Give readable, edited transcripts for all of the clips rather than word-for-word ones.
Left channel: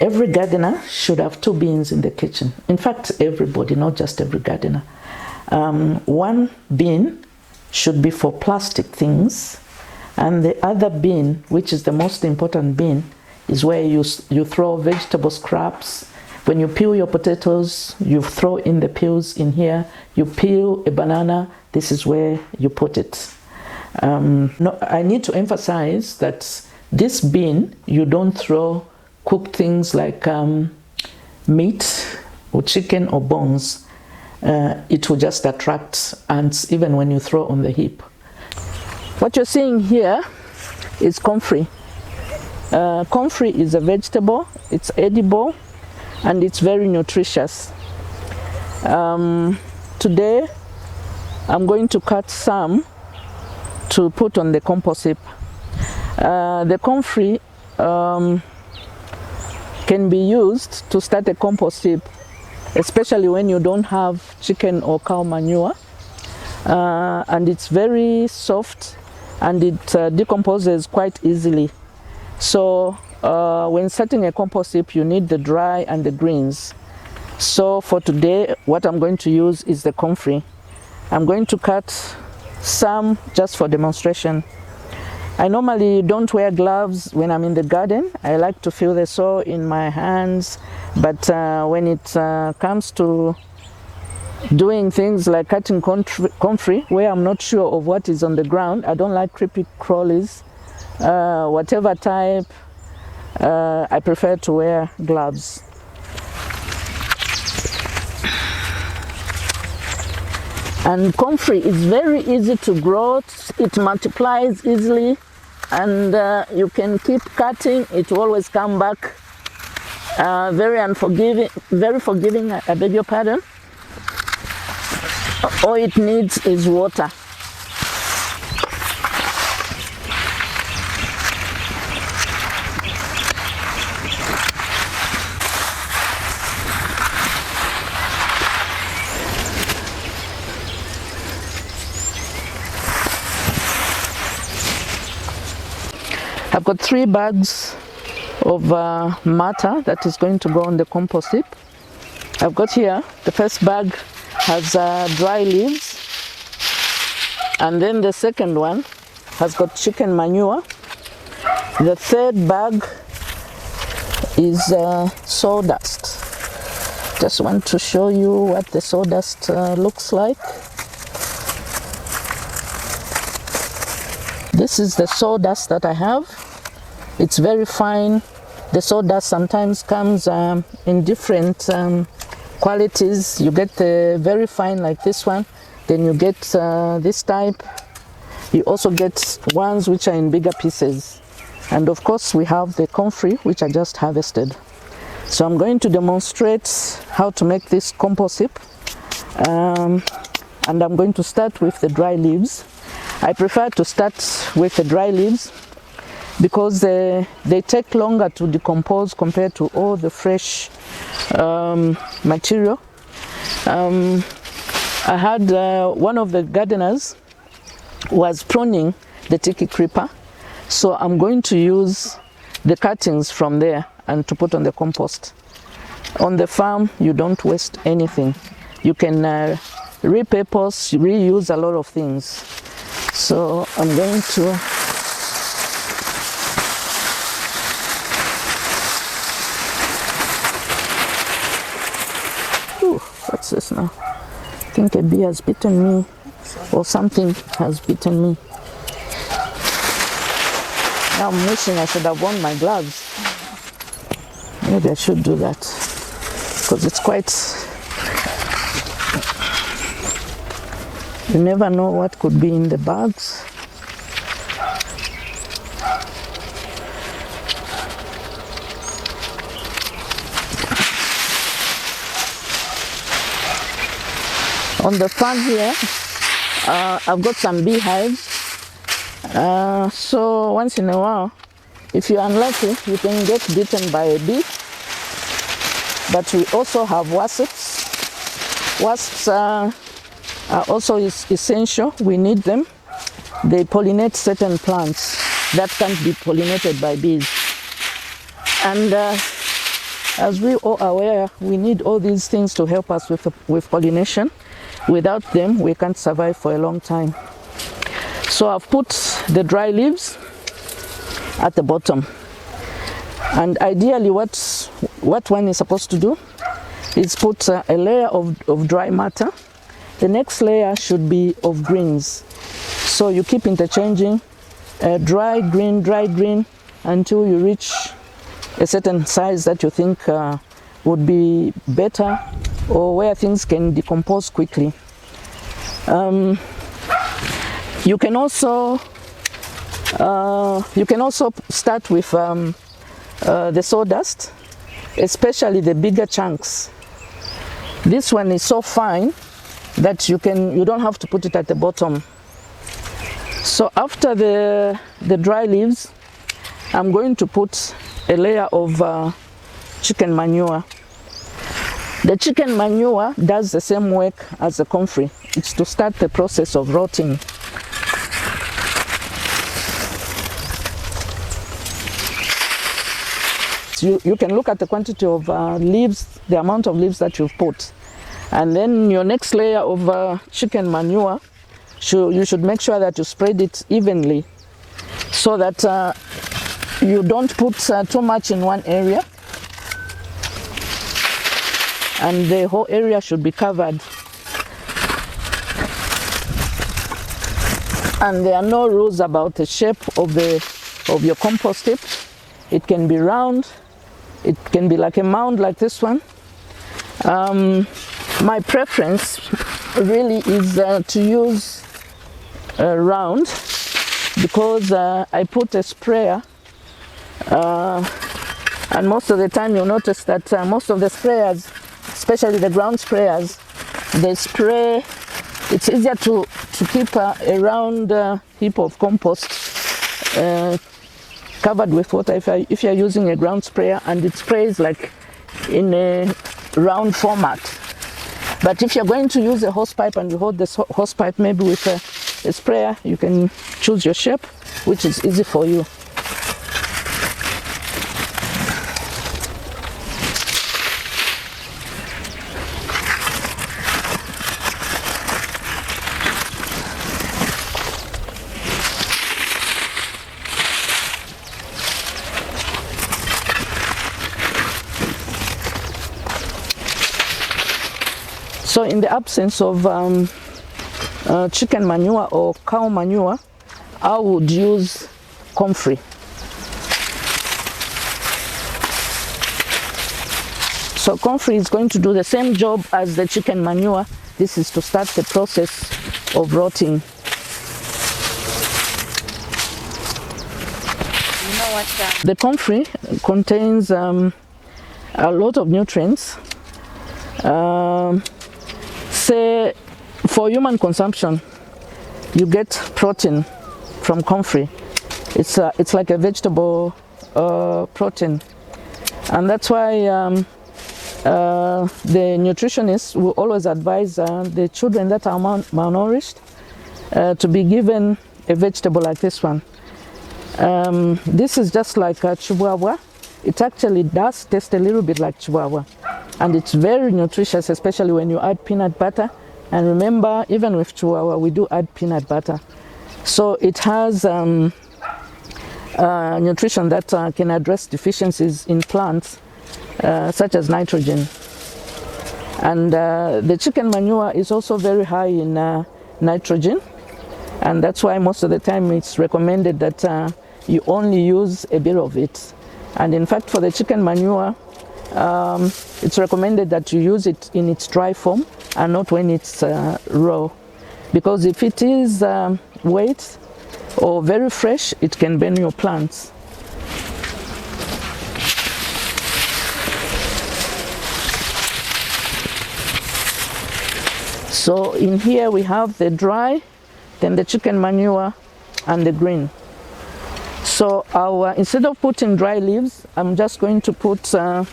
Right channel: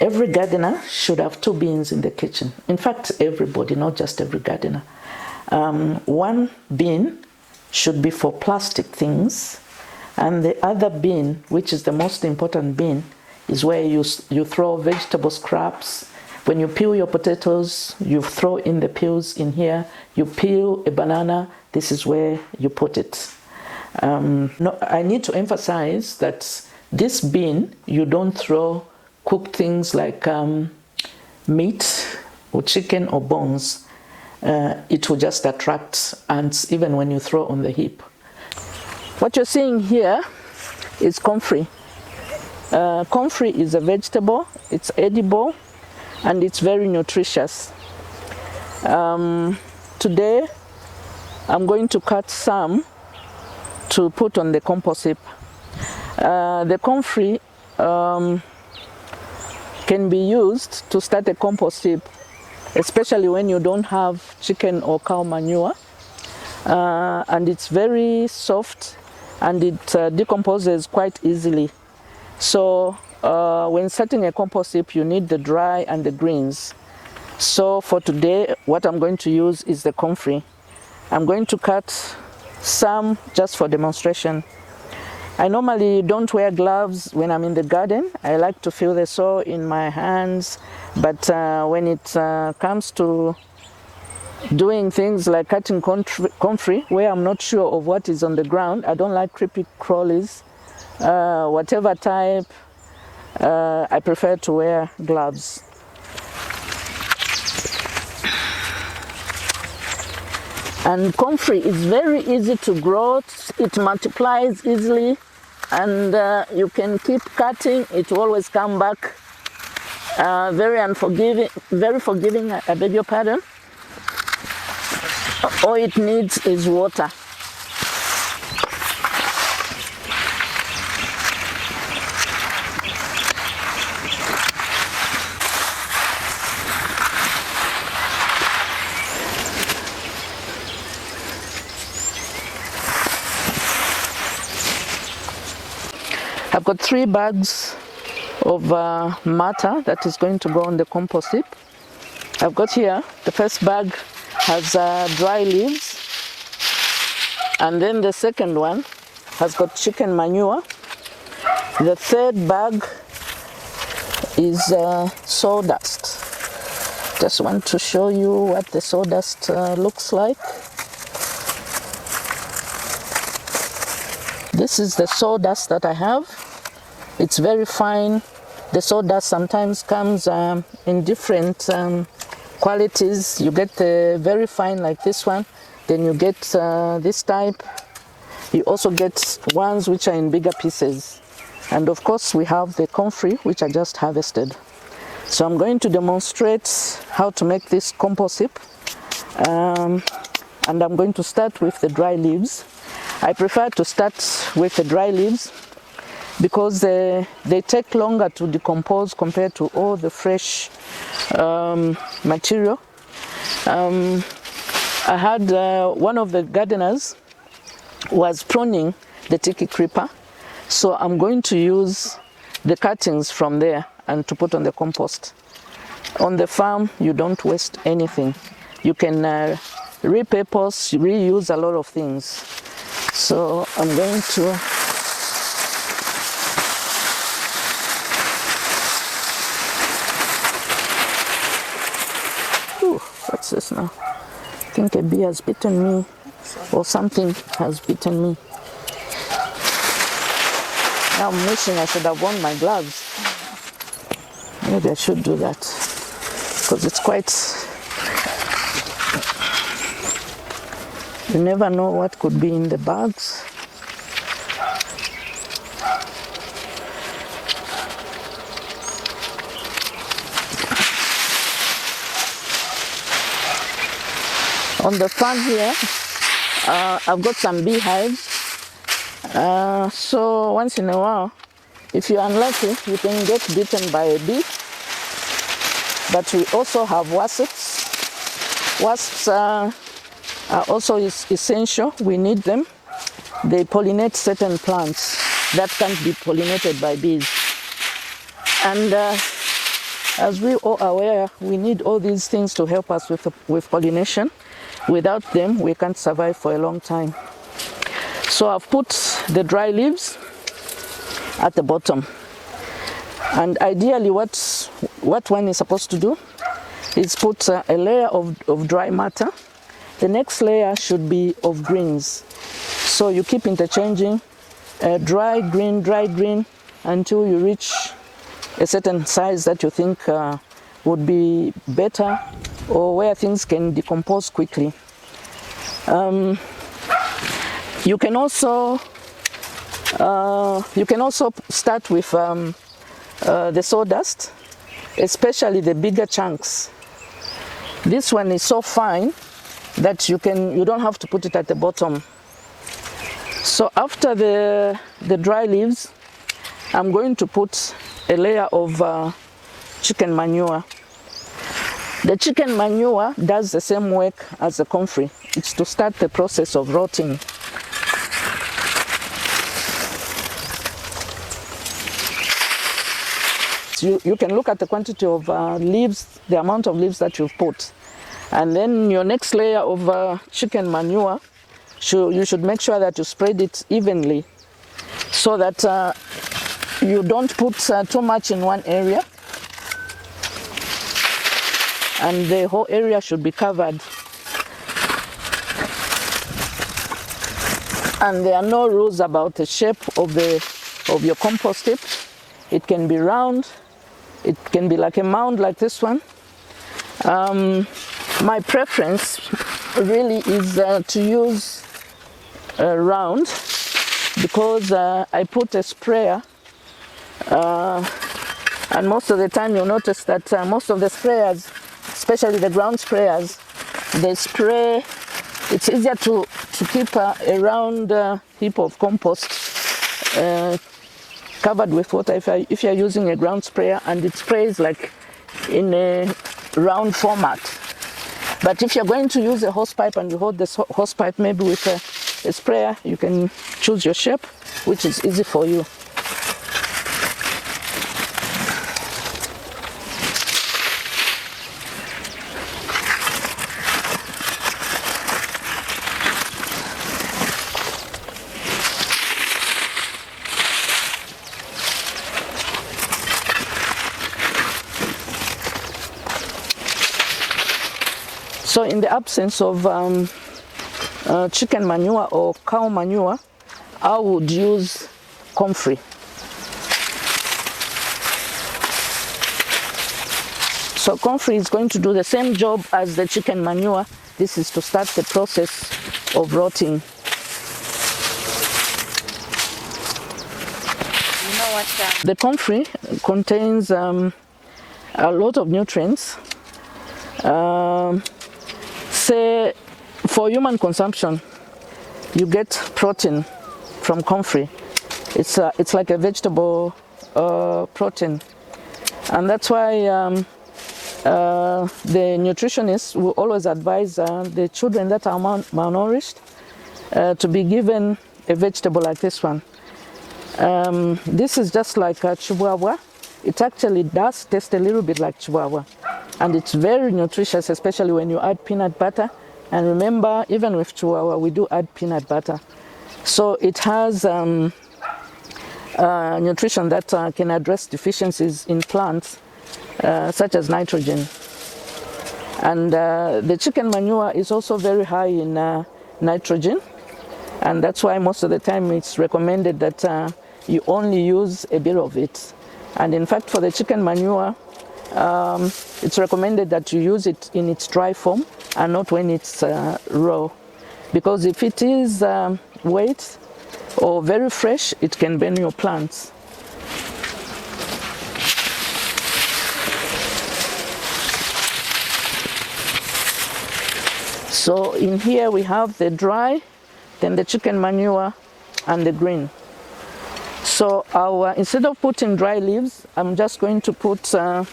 Every gardener should have 2 bins in the kitchen. In fact, everybody, not just every gardener. One bin should be for plastic things, and the other bin, which is the most important bin, is where you throw vegetable scraps. When you peel your potatoes, you throw in the peels in here. You peel a banana, this is where you put it. No, I need to emphasize that this bin, you don't throw cooked things like meat or chicken or bones. It will just attract ants even when you throw on the heap. What you're seeing here is comfrey. Comfrey is a vegetable, it's edible, and it's very nutritious. Today, I'm going to cut some to put on the compost heap. The comfrey can be used to start a compost heap, especially when you don't have chicken or cow manure. And it's very soft and it decomposes quite easily. So when starting a compost heap, you need the dry and the greens. So for today, what I'm going to use is the comfrey. I'm going to cut some just for demonstration. I normally don't wear gloves when I'm in the garden. I like to feel the soil in my hands, but when it comes to doing things like cutting comfrey, where I'm not sure of what is on the ground, I don't like creepy crawlies, whatever type, I prefer to wear gloves. And comfrey is very easy to grow, it multiplies easily, and you can keep cutting, it will always come back. Very forgiving, I beg your pardon. All it needs is water. I've got 3 bags of matter that is going to go on the compost heap. I've got here, the first bag has dry leaves, and then the second one has got chicken manure. The third bag is sawdust. Just want to show you what the sawdust looks like. This is the sawdust that I have. It's very fine. The sawdust sometimes comes in different qualities. You get very fine like this one, then you get this type. You also get ones which are in bigger pieces. And of course we have the comfrey, which I just harvested. So I'm going to demonstrate how to make this compost heap. And I'm going to start with the dry leaves. I prefer to start with the dry leaves because they take longer to decompose compared to all the fresh material. I had one of the gardeners was pruning the tiki creeper, so I'm going to use the cuttings from there and to put on the compost. On the farm, you don't waste anything. You can repurpose, reuse a lot of things. So I'm going to what's this now? I think a bee has bitten me, or something has bitten me. Now I'm wishing I should have worn my gloves. Maybe I should do that, because it's quite... You never know what could be in the bags. On the farm here, I've got some beehives. So once in a while, if you're unlucky, you can get bitten by a bee. But we also have wasps. Wasps are also essential. We need them. They pollinate certain plants that can't be pollinated by bees. And as we all are aware, we need all these things to help us with pollination. Without them, we can't survive for a long time. So I've put the dry leaves at the bottom. And ideally, what one is supposed to do is put a layer of dry matter. The next layer should be of greens. So you keep interchanging dry green, until you reach a certain size that you think would be better, or where things can decompose quickly. You can also start with the sawdust, especially the bigger chunks. This one is so fine that you don't have to put it at the bottom. So after the dry leaves, I'm going to put a layer of chicken manure. The chicken manure does the same work as the comfrey. It's to start the process of rotting. You can look at the quantity of leaves, the amount of leaves that you've put. And then your next layer of chicken manure, you should make sure that you spread it evenly, so that you don't put too much in one area, and the whole area should be covered. And there are no rules about the shape of your compost heap. It can be round, it can be like a mound like this one. My preference really is to use round, because I put a sprayer, and most of the time you'll notice that most of the sprayers, especially the ground sprayers, they spray. It's easier to keep a round heap of compost covered with water if you're using a ground sprayer, and it sprays like in a round format. But if you're going to use a hose pipe and hold the hose pipe maybe with a sprayer, you can choose your shape, which is easy for you. So in the absence of chicken manure or cow manure, I would use comfrey. So comfrey is going to do the same job as the chicken manure. This is to start the process of rotting. The comfrey contains a lot of nutrients. Say for human consumption, you get protein from comfrey. It's like a vegetable protein, and that's why the nutritionists will always advise the children that are malnourished to be given a vegetable like this one. This is just like chihuahua. It actually does taste a little bit like chihuahua, and it's very nutritious, especially when you add peanut butter. And remember, even with chihuahua, we do add peanut butter. So it has nutrition that can address deficiencies in plants, such as nitrogen. And the chicken manure is also very high in nitrogen, and that's why most of the time it's recommended that you only use a bit of it. And in fact, for the chicken manure, it's recommended that you use it in its dry form and not when it's raw, because if it is wet or very fresh, it can burn your plants. So in here we have the dry, then the chicken manure, and the green. So instead of putting dry leaves, I'm just going to put some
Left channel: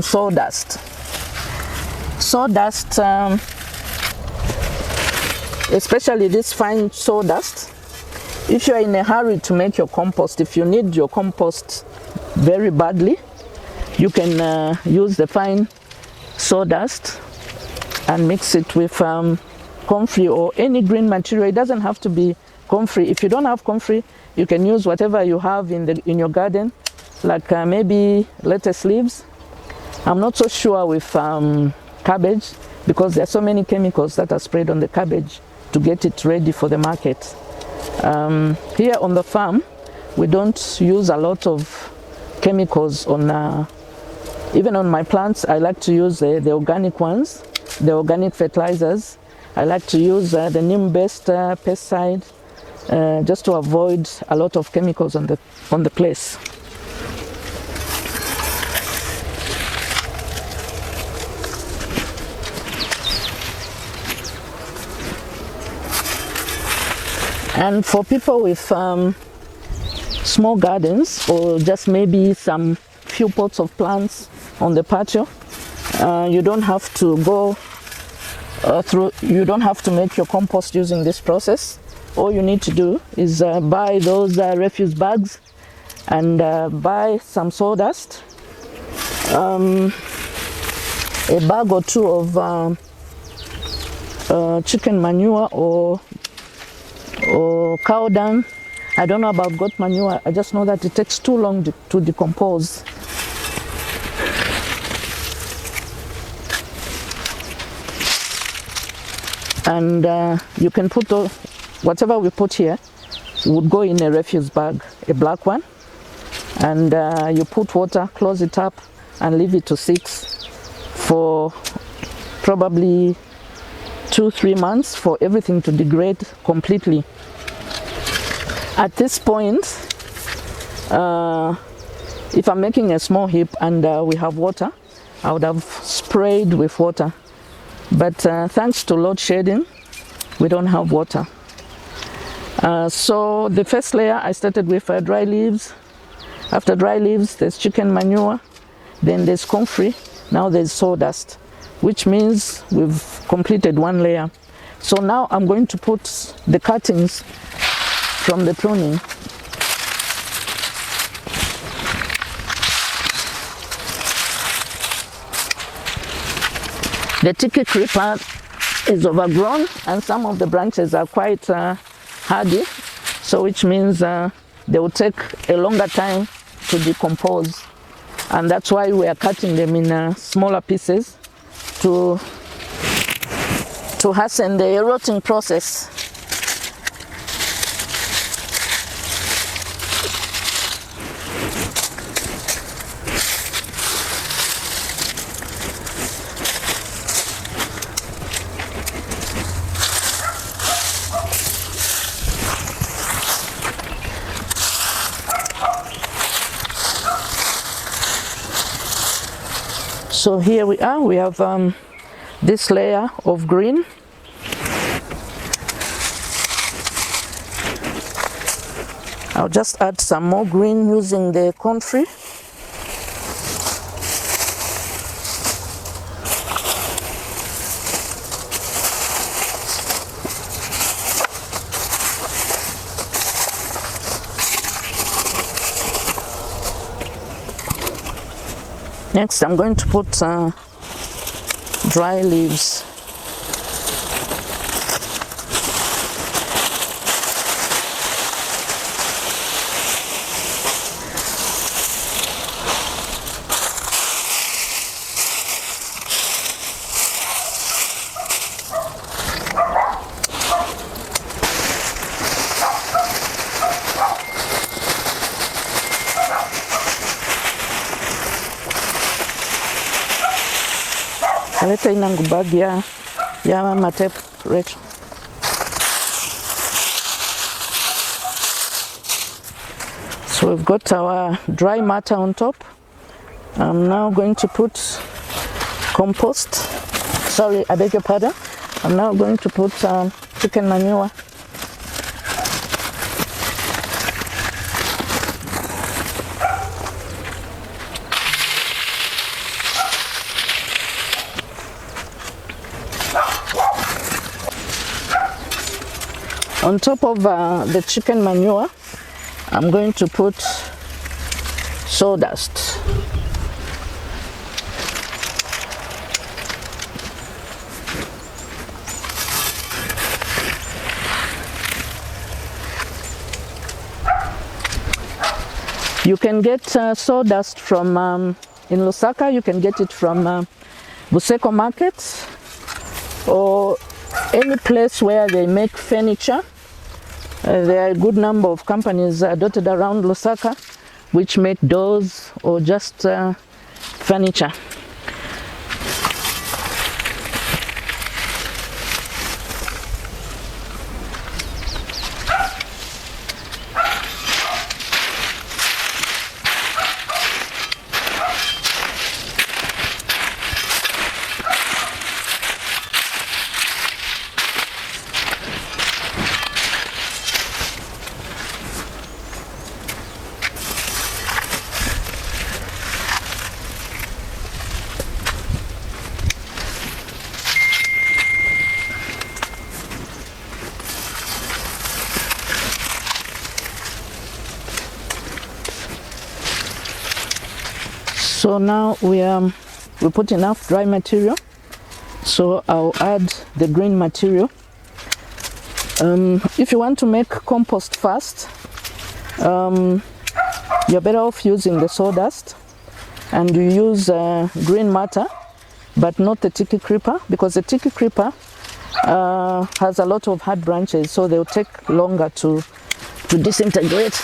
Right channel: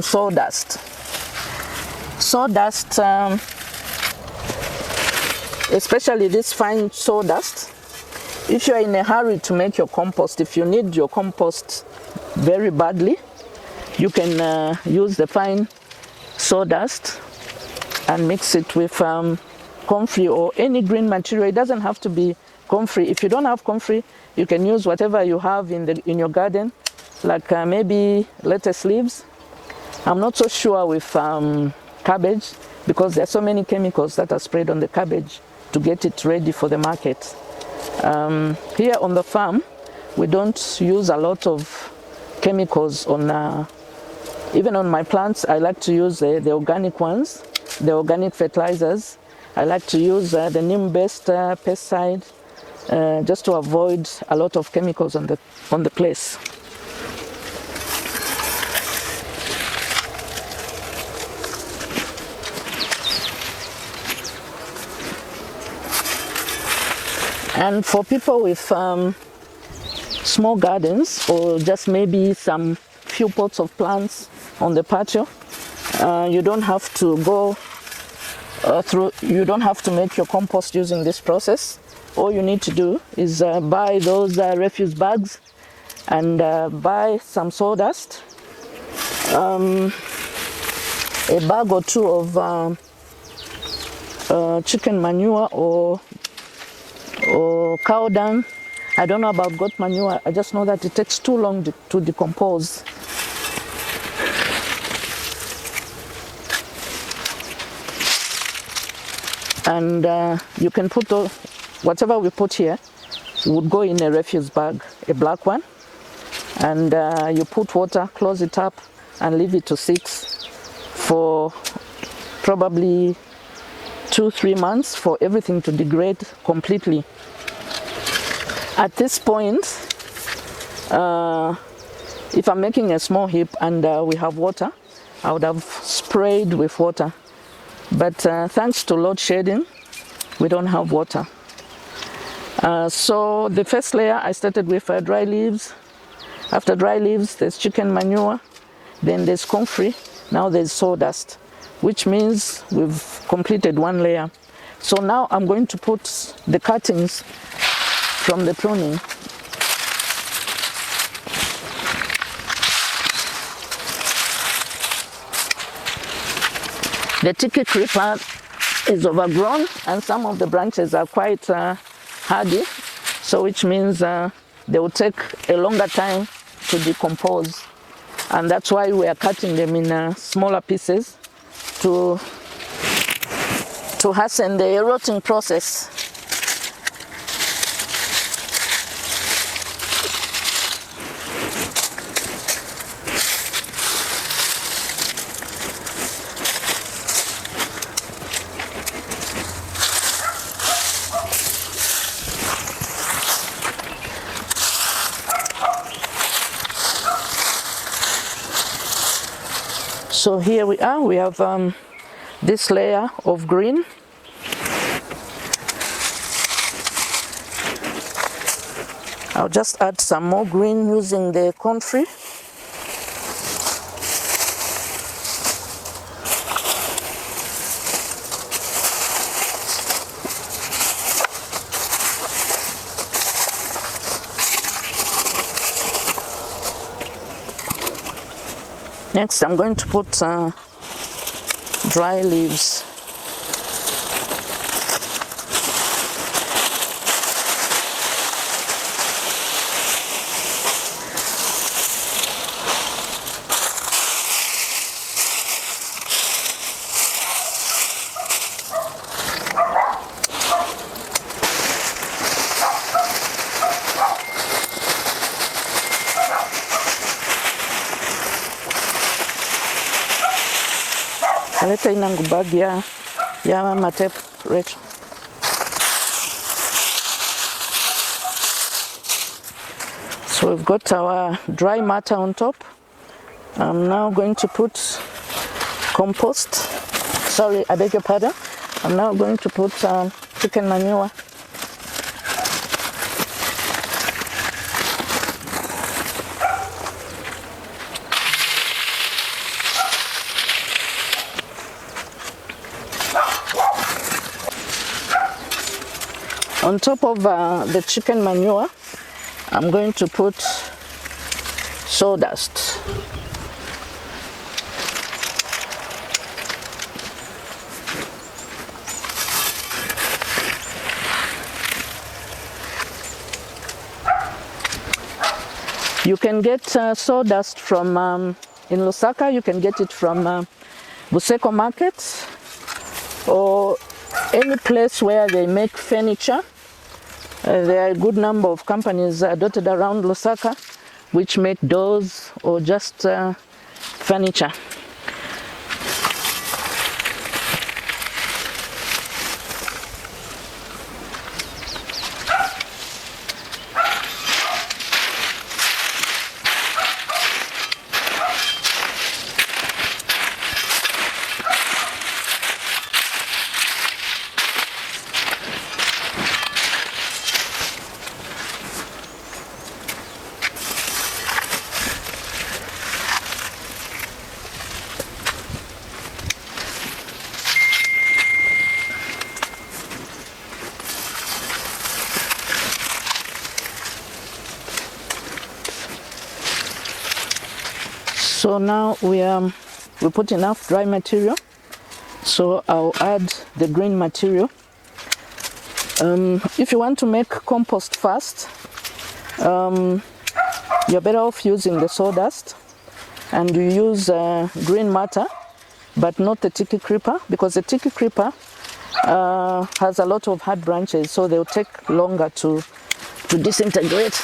sawdust. Sawdust, especially this fine sawdust. If you're in a hurry to make your compost, if you need your compost very badly, You can use the fine sawdust and mix it with comfrey or any green material. It doesn't have to be comfrey. If you don't have comfrey, you can use whatever you have in your garden, like maybe lettuce leaves. I'm not so sure with cabbage, because there are so many chemicals that are sprayed on the cabbage to get it ready for the market. Here on the farm, we don't use a lot of chemicals on even on my plants. I like to use the organic ones, the organic fertilizers. I like to use the neem-based pesticide, just to avoid a lot of chemicals on the place. And for people with small gardens, or just maybe some few pots of plants on the patio, you don't have to go you don't have to make your compost using this process. All you need to do is buy those refuse bags and buy some sawdust, a bag or two of chicken manure or cow dung. I don't know about goat manure. I just know that it takes too long to decompose. And you can put whatever we put here would go in a refuse bag, a black one, and you put water, close it up, and leave it to sit for probably 2-3 months for everything to degrade completely. At this point, if I'm making a small heap and we have water, I would have sprayed with water. But thanks to load shedding, we don't have water. So the first layer I started with dry leaves. After dry leaves, there's chicken manure, then there's comfrey, now there's sawdust, which means we've completed one layer. So now I'm going to put the cuttings from the pruning. The tiki creeper is overgrown and some of the branches are quite hardy, so which means they will take a longer time to decompose, and that's why we are cutting them in smaller pieces to hasten the rotting process. So here we are, we have this layer of green. I'll just add some more green using the comfrey. Next, I'm going to put dry leaves. Aleta inangu bag ya mama tape Rachel. So we've got our dry matter on top. I'm now going to put compost. Sorry, I beg your pardon. I'm now going to put chicken manure. On top of the chicken manure, I'm going to put sawdust. You can get sawdust from, in Lusaka, you can get it from Buseko Market or any place where they make furniture. There are a good number of companies dotted around Lusaka which make doors or just furniture. So now we put enough dry material, so I'll add the green material. If you want to make compost fast, you're better off using the sawdust, and you use green matter, but not the tiki creeper, because the tiki creeper has a lot of hard branches, so they'll take longer to disintegrate.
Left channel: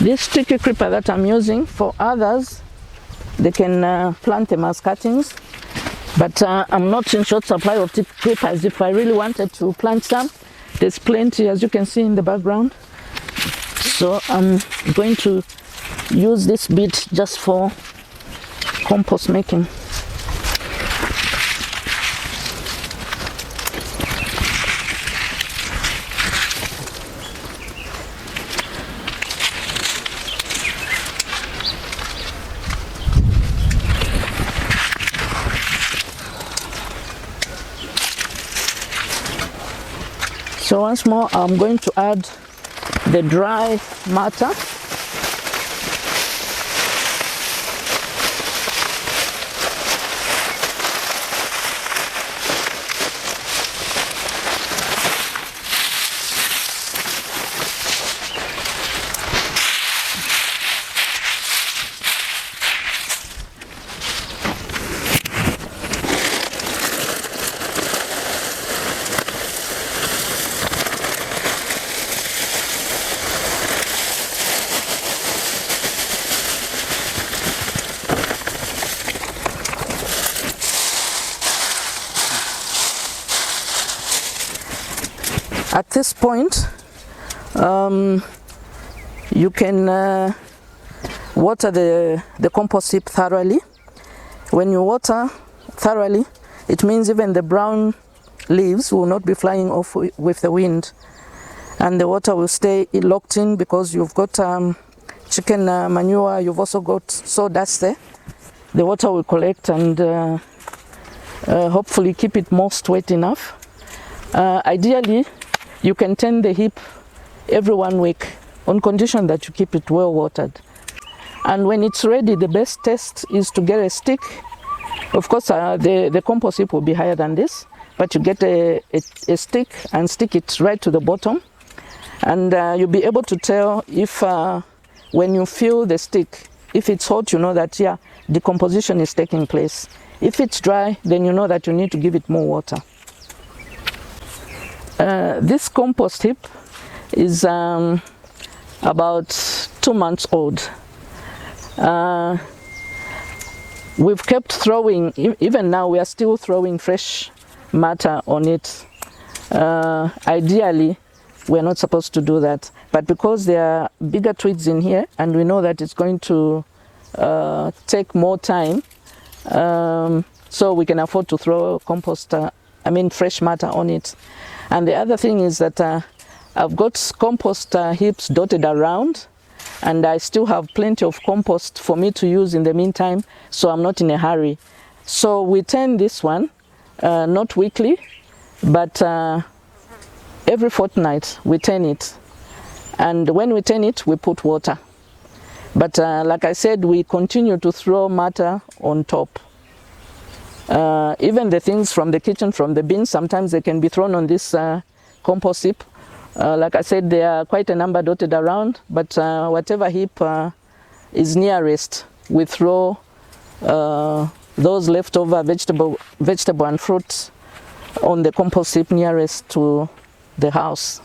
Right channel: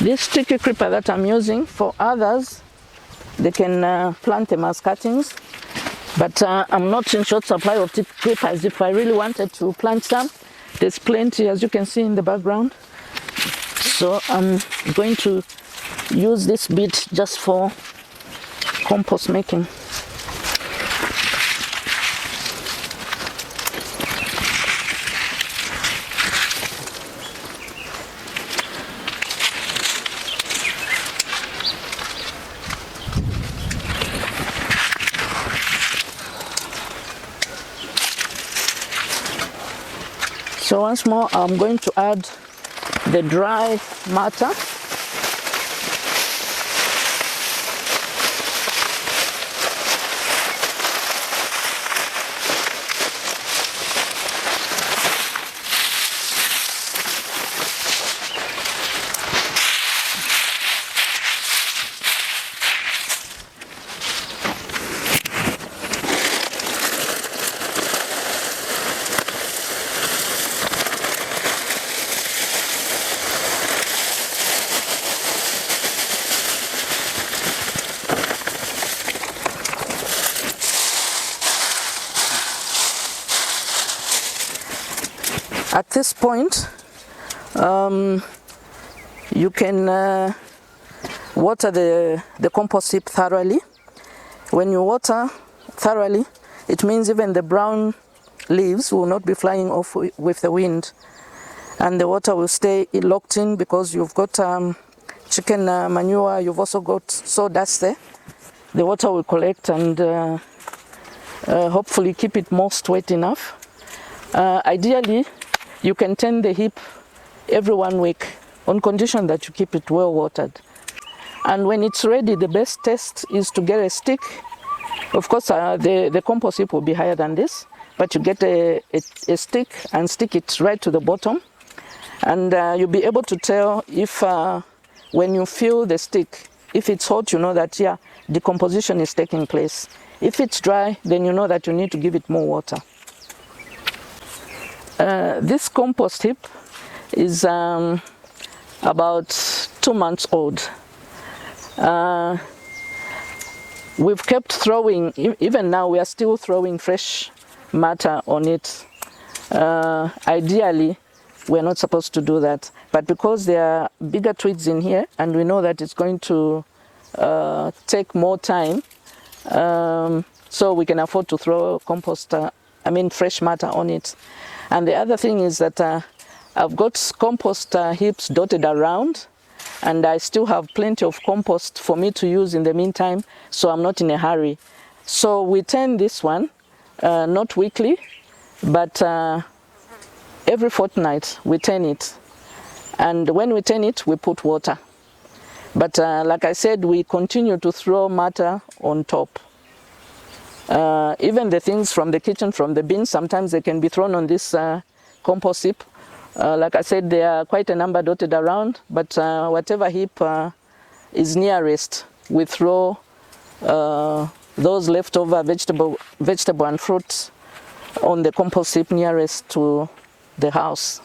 This tiki creeper that I'm using, for others, they can plant them as cuttings, but I'm not in short supply of tiki creepers. If I really wanted to plant some, there's plenty, as you can see in the background. So I'm going to use this bit just for compost making. So once more, I'm going to add the dry matter. At this point, you can water the compost heap thoroughly. When you water thoroughly, it means even the brown leaves will not be flying off with the wind, and the water will stay locked in because you've got chicken manure, you've also got sawdust there. The water will collect and hopefully keep it moist wet enough. Ideally, you can tend the heap every 1 week on condition that you keep it well watered. And when it's ready, the best test is to get a stick. Of course, the compost heap will be higher than this, but you get a stick and stick it right to the bottom, and you'll be able to tell if when you feel the stick, if it's hot, you know that decomposition is taking place. If it's dry, then you know that you need to give it more water. This compost heap is about 2 months old. We've kept throwing, even now we are still throwing fresh matter on it. Ideally, we're not supposed to do that, but because there are bigger twigs in here and we know that it's going to take more time, so we can afford to throw fresh matter on it. And the other thing is that I've got compost heaps dotted around, and I still have plenty of compost for me to use in the meantime, so I'm not in a hurry. So we turn this one, not weekly, but every fortnight we turn it. And when we turn it, we put water. But like I said, we continue to throw matter on top. Even the things from the kitchen, from the bins, sometimes they can be thrown on this compost heap. Like I said, there are quite a number dotted around, but whatever heap is nearest, we throw those leftover vegetable and fruit on the compost heap nearest to the house.